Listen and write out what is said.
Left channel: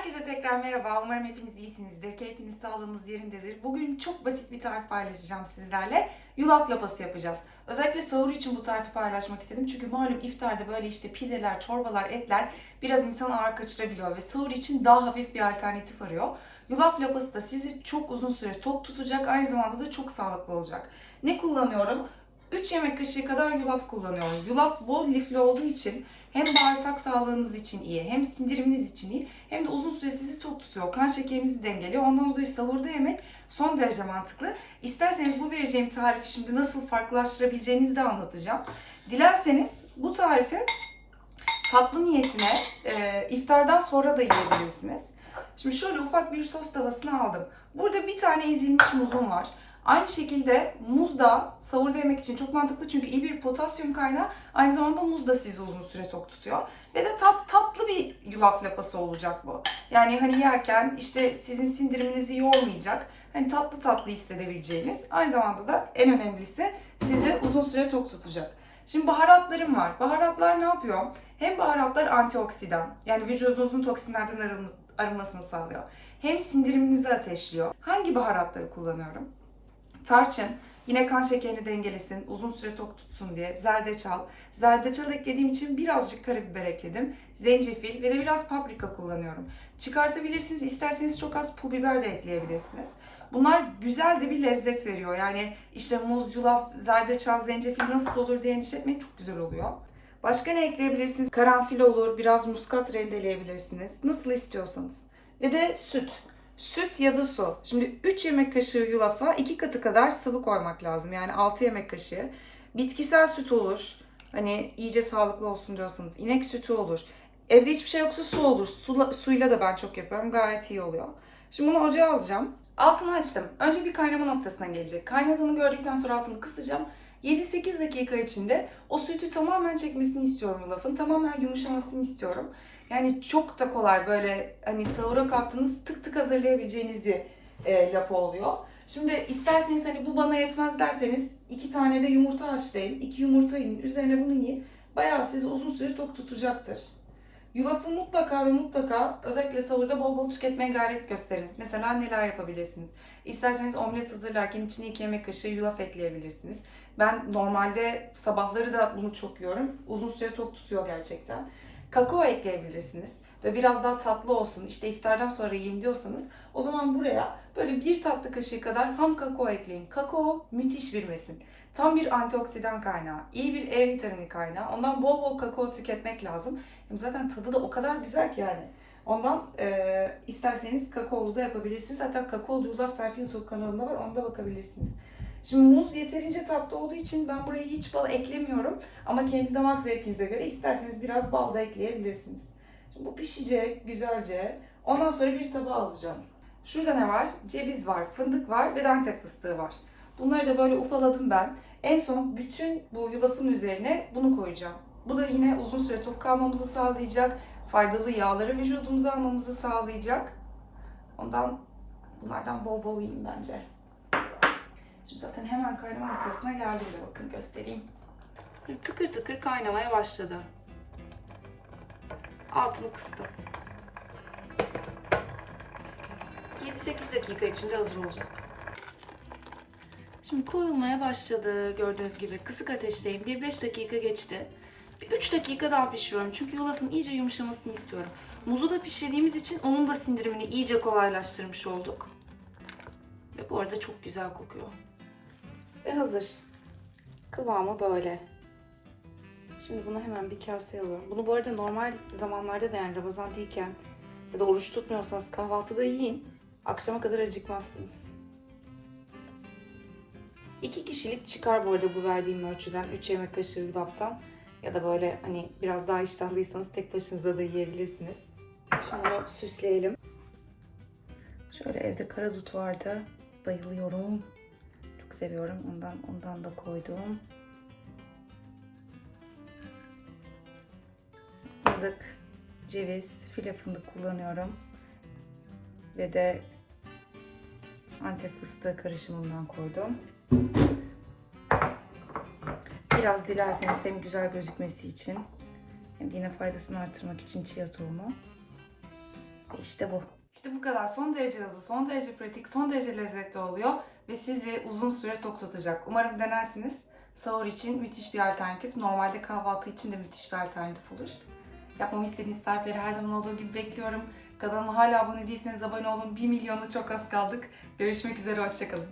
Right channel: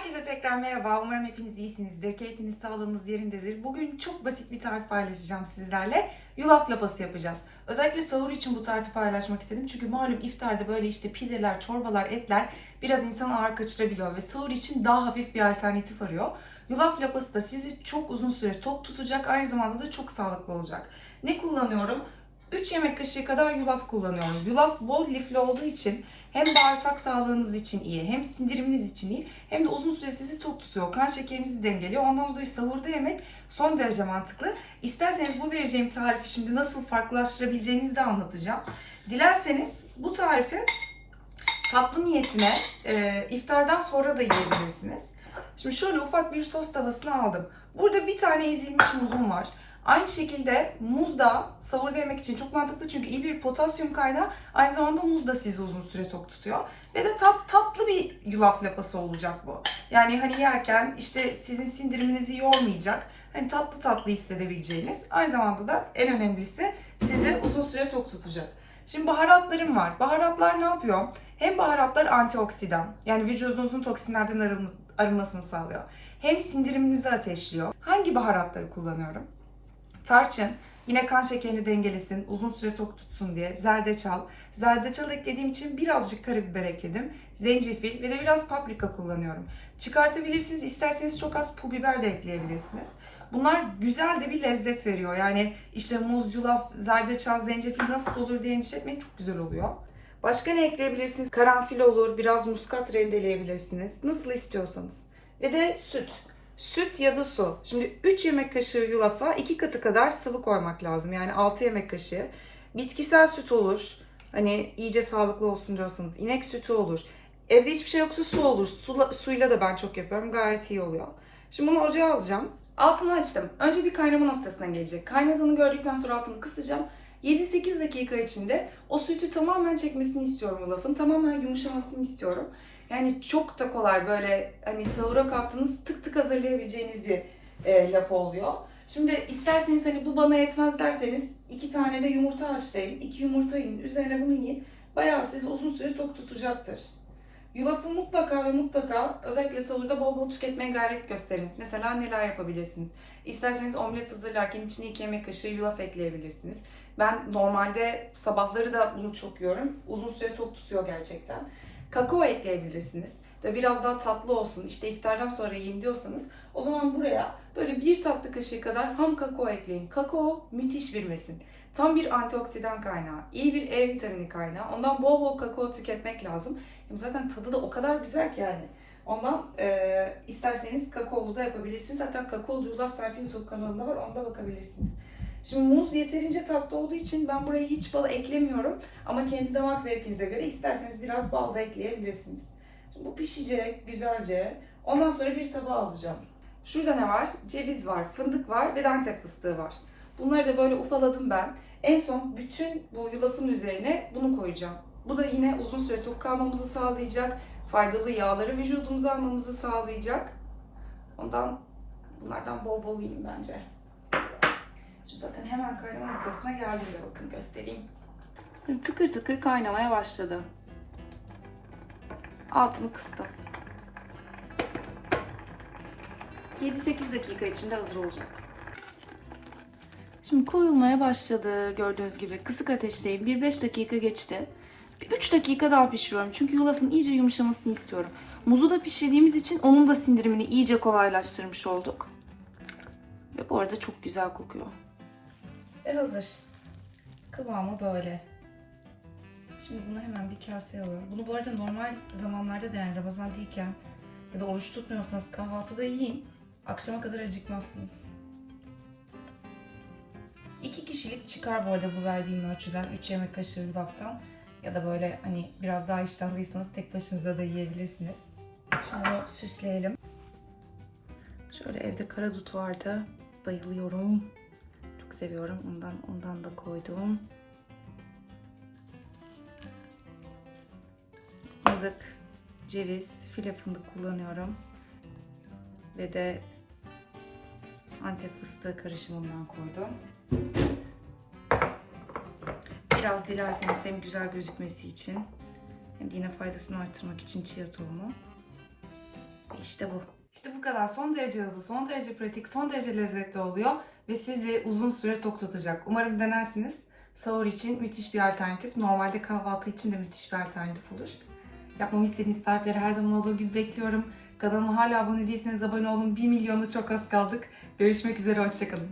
Herkese tekrar merhaba. Umarım hepiniz iyisinizdir. Keyfiniz, sağlığınız yerindedir. Bugün çok basit bir tarif paylaşacağım sizlerle. Yulaf lapası yapacağız. Özellikle sahur için bu tarifi paylaşmak istedim. Çünkü malum iftarda böyle işte pideler, çorbalar, etler biraz insan ağır kaçırabiliyor ve sahur için daha hafif bir alternatif arıyor. Yulaf lapası da sizi çok uzun süre tok tutacak, aynı zamanda da çok sağlıklı olacak. Ne kullanıyorum? 3 yemek kaşığı kadar yulaf kullanıyorum. Yulaf bol lifli olduğu için hem bağırsak sağlığınız için iyi, hem sindiriminiz için iyi, hem de uzun süre sizi tok tutuyor. Kan şekerinizi dengeliyor. Ondan dolayı sahurda yemek son derece mantıklı. İsterseniz bu vereceğim tarifi şimdi nasıl farklılaştırabileceğinizi de anlatacağım. Dilerseniz bu tarifi tatlı niyetine e, iftardan sonra da yiyebilirsiniz. Şimdi şöyle ufak bir sos tavasını aldım. Burada bir tane ezilmiş muzum var. Aynı şekilde muz da sahurda yemek için çok mantıklı çünkü iyi bir potasyum kaynağı. Aynı zamanda muz da sizi uzun süre tok tutuyor. Ve de tat, tatlı bir yulaf lapası olacak bu. Yani hani yerken işte sizin sindiriminizi yormayacak. Hani tatlı tatlı hissedebileceğiniz. Aynı zamanda da en önemlisi sizi uzun süre tok tutacak. Şimdi baharatlarım var. Baharatlar ne yapıyor? Hem baharatlar antioksidan. Yani vücudunuzun toksinlerden arın- arınmasını sağlıyor. Hem sindiriminizi ateşliyor. Hangi baharatları kullanıyorum? Tarçın, yine kan şekerini dengelesin, uzun süre tok tutsun diye. Zerdeçal. Zerdeçal eklediğim için birazcık karabiber ekledim. Zencefil ve de biraz paprika kullanıyorum. Çıkartabilirsiniz, isterseniz çok az pul biber de ekleyebilirsiniz. Bunlar güzel de bir lezzet veriyor. Yani işte muz, yulaf, zerdeçal, zencefil nasıl olur diye endişe etmeyin çok güzel oluyor. Başka ne ekleyebilirsiniz? Karanfil olur, biraz muskat rendeleyebilirsiniz. Nasıl istiyorsanız. Ve de süt. Süt ya da su. Şimdi 3 yemek kaşığı yulafa 2 katı kadar sıvı koymak lazım. Yani 6 yemek kaşığı. Bitkisel süt olur. Hani iyice sağlıklı olsun diyorsanız. inek sütü olur. Evde hiçbir şey yoksa su olur. Sula, suyla da ben çok yapıyorum. Gayet iyi oluyor. Şimdi bunu ocağa alacağım. Altını açtım. Önce bir kaynama noktasına gelecek. Kaynadığını gördükten sonra altını kısacağım. 7-8 dakika içinde o sütü tamamen çekmesini istiyorum yulafın. Tamamen yumuşamasını istiyorum. Yani çok da kolay böyle hani sahura kalktığınız tık tık hazırlayabileceğiniz bir e, lapa oluyor. Şimdi isterseniz hani bu bana yetmez derseniz iki tane de yumurta haşlayın. iki yumurta yiyin. Üzerine bunu yiyin. Bayağı sizi uzun süre tok tutacaktır. Yulafı mutlaka ve mutlaka özellikle sahurda bol bol tüketmeye gayret gösterin. Mesela neler yapabilirsiniz? İsterseniz omlet hazırlarken içine 2 yemek kaşığı yulaf ekleyebilirsiniz. Ben normalde sabahları da bunu çok yiyorum. Uzun süre tok tutuyor gerçekten. Kakao ekleyebilirsiniz ve biraz daha tatlı olsun. İşte iftardan sonra yiyeyim diyorsanız o zaman buraya böyle bir tatlı kaşığı kadar ham kakao ekleyin. Kakao müthiş bir besin. Tam bir antioksidan kaynağı, iyi bir E vitamini kaynağı. Ondan bol bol kakao tüketmek lazım. Hem zaten tadı da o kadar güzel ki yani. Ondan e, isterseniz kakaolu da yapabilirsiniz. Hatta kakaolu yulaf tarifi YouTube kanalında var. Onda bakabilirsiniz. Şimdi muz yeterince tatlı olduğu için ben buraya hiç bal eklemiyorum. Ama kendi damak zevkinize göre isterseniz biraz bal da ekleyebilirsiniz. Şimdi bu pişecek güzelce. Ondan sonra bir tabağa alacağım. Şurada ne var? Ceviz var, fındık var ve Antep fıstığı var. Bunları da böyle ufaladım ben. En son bütün bu yulafın üzerine bunu koyacağım. Bu da yine uzun süre tok kalmamızı sağlayacak. Faydalı yağları vücudumuza almamızı sağlayacak. Ondan bunlardan bol bol yiyin bence. Şimdi zaten hemen kaynama noktasına geldi bile bakın göstereyim. Tıkır tıkır kaynamaya başladı. Altını kıstım. 7-8 dakika içinde hazır olacak. Şimdi koyulmaya başladı gördüğünüz gibi. Kısık ateşteyim. 1-5 dakika geçti. 3 dakika daha pişiriyorum. Çünkü yulafın iyice yumuşamasını istiyorum. Muzu da pişirdiğimiz için onun da sindirimini iyice kolaylaştırmış olduk. Ve bu arada çok güzel kokuyor. Ve hazır. Kıvamı böyle. Şimdi bunu hemen bir kaseye alıyorum. Bunu bu arada normal zamanlarda da yani Ramazan değilken ya da oruç tutmuyorsanız kahvaltıda yiyin. Akşama kadar acıkmazsınız. İki kişilik çıkar bu arada bu verdiğim ölçüden. 3 yemek kaşığı yulaftan. Ya da böyle hani biraz daha iştahlıysanız tek başınıza da yiyebilirsiniz. Şimdi bunu süsleyelim. Şöyle evde karadut vardı. Bayılıyorum. Seviyorum. Ondan ondan da koydum. Fındık, ceviz, file fındık kullanıyorum. Ve de Antep fıstığı karışımından koydum. Biraz dilerseniz hem güzel gözükmesi için hem de yine faydasını artırmak için chia tohumu işte bu. İşte bu kadar. Son derece hızlı, son derece pratik, son derece lezzetli oluyor ve sizi uzun süre tok tutacak. Umarım denersiniz. Sahur için müthiş bir alternatif. Normalde kahvaltı için de müthiş bir alternatif olur. Yapmamı istediğiniz tarifleri her zaman olduğu gibi bekliyorum. Kanalıma hala abone değilseniz abone olun. 1 milyonu çok az kaldık. Görüşmek üzere, hoşçakalın.